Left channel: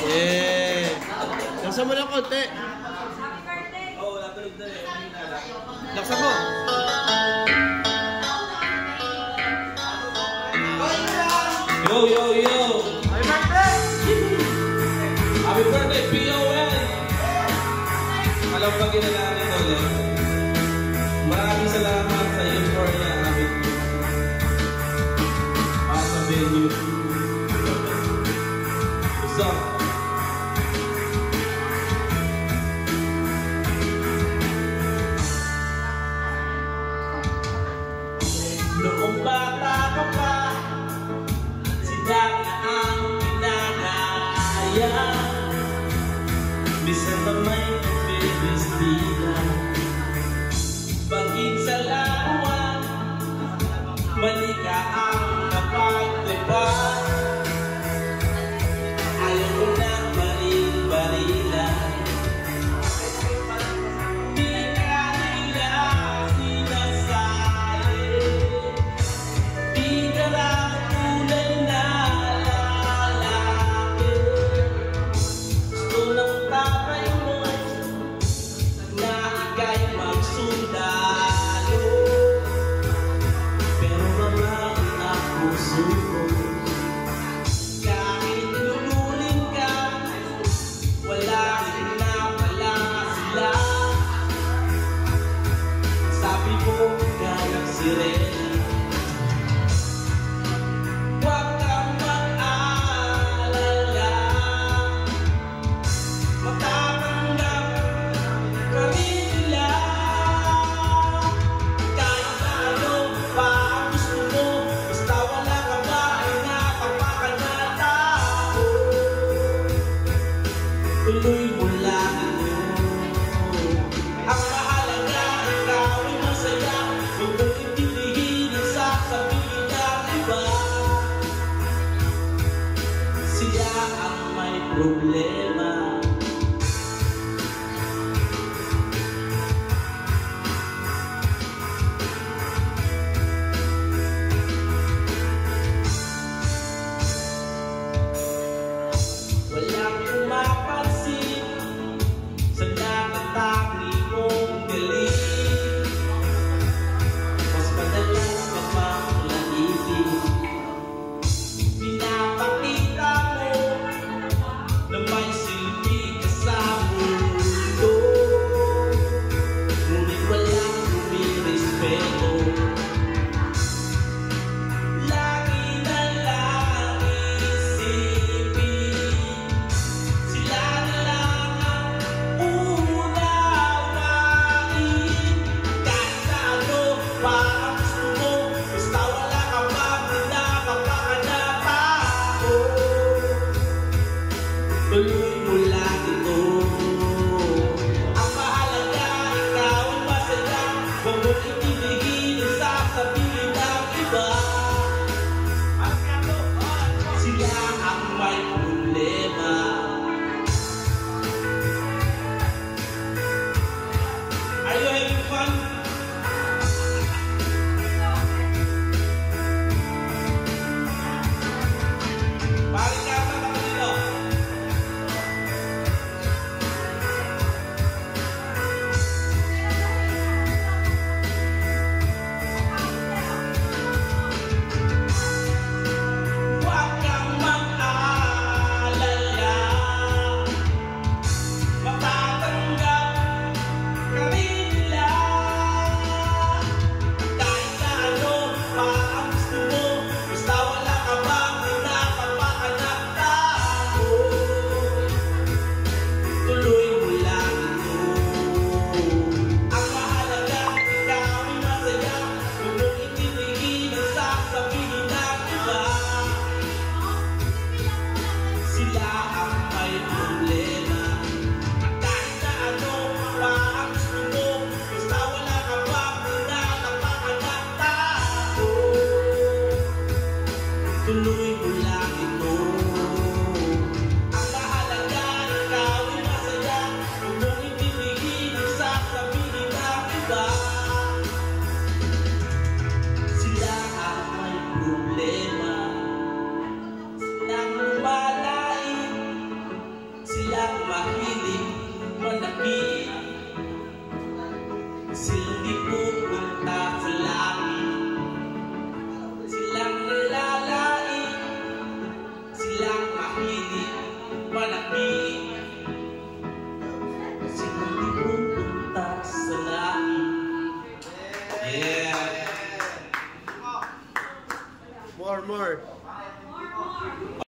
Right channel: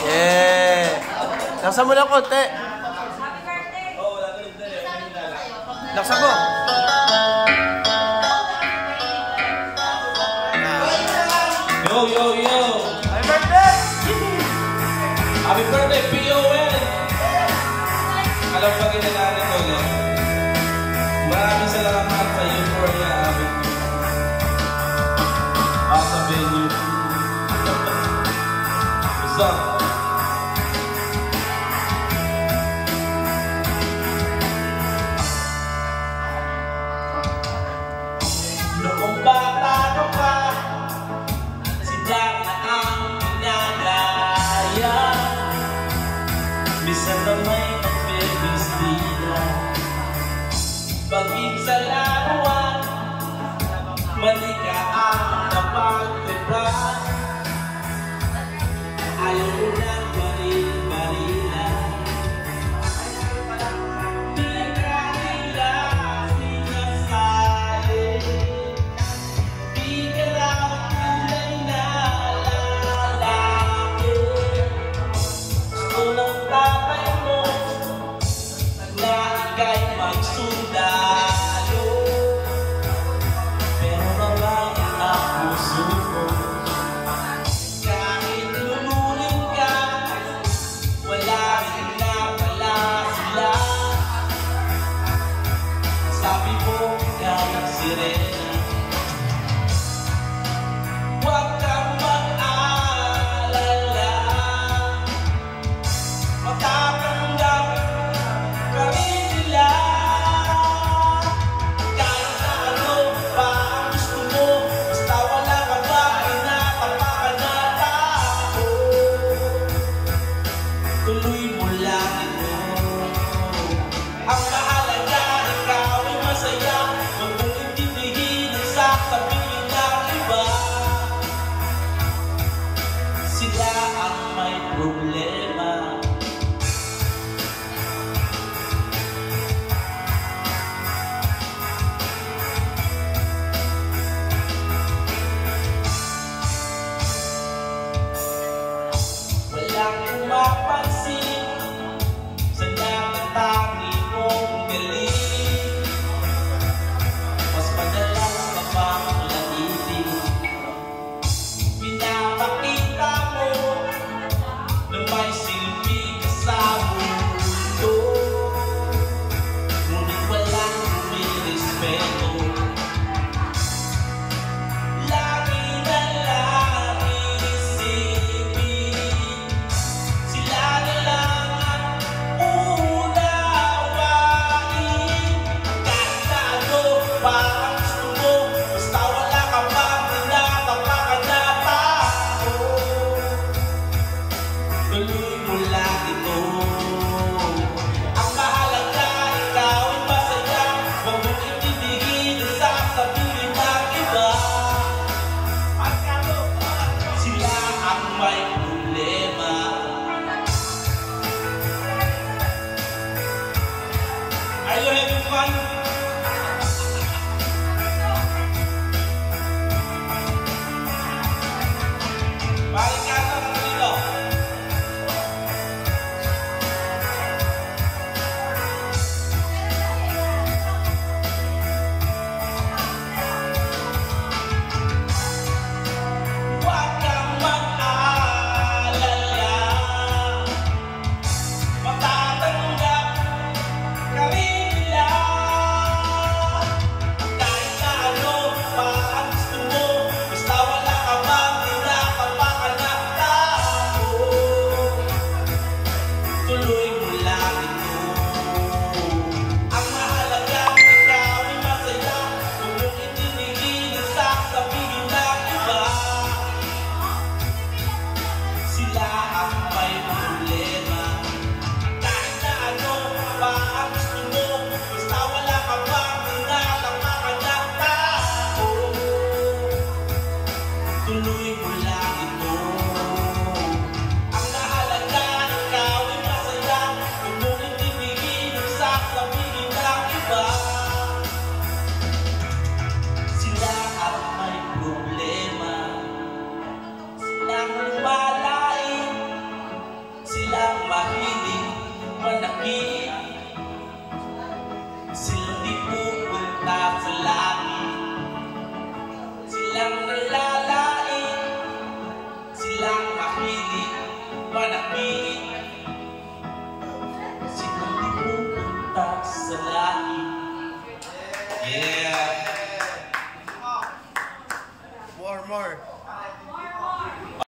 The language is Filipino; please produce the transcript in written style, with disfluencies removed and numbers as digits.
Yeah. Laksan mo lang konti. Laksan mo. Yo, yo, yo. Happy birthday! Happy birthday, PON! Alam pa ginagawa ko ulit. Maraming salamat sa euphoria amin. Out of venue. What's up? Noong bata ka pa, sila na ang ginagaya. Bisa na may pag-bebestila. Pag-ibig sa laruan, mali ka ang napag-diba. Ayaw mo na balil-balila. Di ka nila sinasali. Di ka raw tunay na lalaki. Gusto ng tatay mo na ika'y magsundalo. Pero babae ang puso ko. Kahit lululing ka, wala rin na pala sila. Sabi mo kaya sirena. Huwag kang mag-alala, matatanggap ka rin nila. Kahit ano pa ang gusto mo, basta wala ka ba pinakapakanatao. Tuloy mo lang ito. Ang mahalaga, ikaw ay masaya. Huwag mong intindihin ang sasabihin ng iba. Sila ang may problema. Walang pumapansin sa nakatangi mong galing. Mas madalas ka pang laitin. Pinapakita mo na may silbi ka sa mundo. Ngunit walang rumirespeto. Lagi na lang isipin, sila na lang ang unawain. Kahit ano pa ang gusto mo, basta wala ka pa pinakapakanatao. Tuloy mo lang ito. Ang mahalaga, ikaw ay masaya. Huwag mong itindigin ang sasabihin ng iba. Sila ang may problema. Are you having fun? Balik ka na dito. Huwag kang mag-alala, matatanggap ka rin nila. Kahit ano pa ang gusto mo, basta wala ka ba pinakapakanatao. Tuloy mo lang ito. Ang mahalaga, ikaw ay masaya. Huwag mong itindigin ang sasabihin ng iba. Sila ang may problema. Kahit na ano pa ang gusto mo, basta wala ka ba pinakapakanatao. Tuloy mo lang ito. Ang mahalaga, ikaw ay masaya. Huwag mong itindigin ang sasabihin ng iba. Sila ang may problema. Silang lumalain panakit. Silang di pupunta sa langit. Silang nalalain, silang mahilig panakit. Silang di pupunta sa langit. Yeah! More.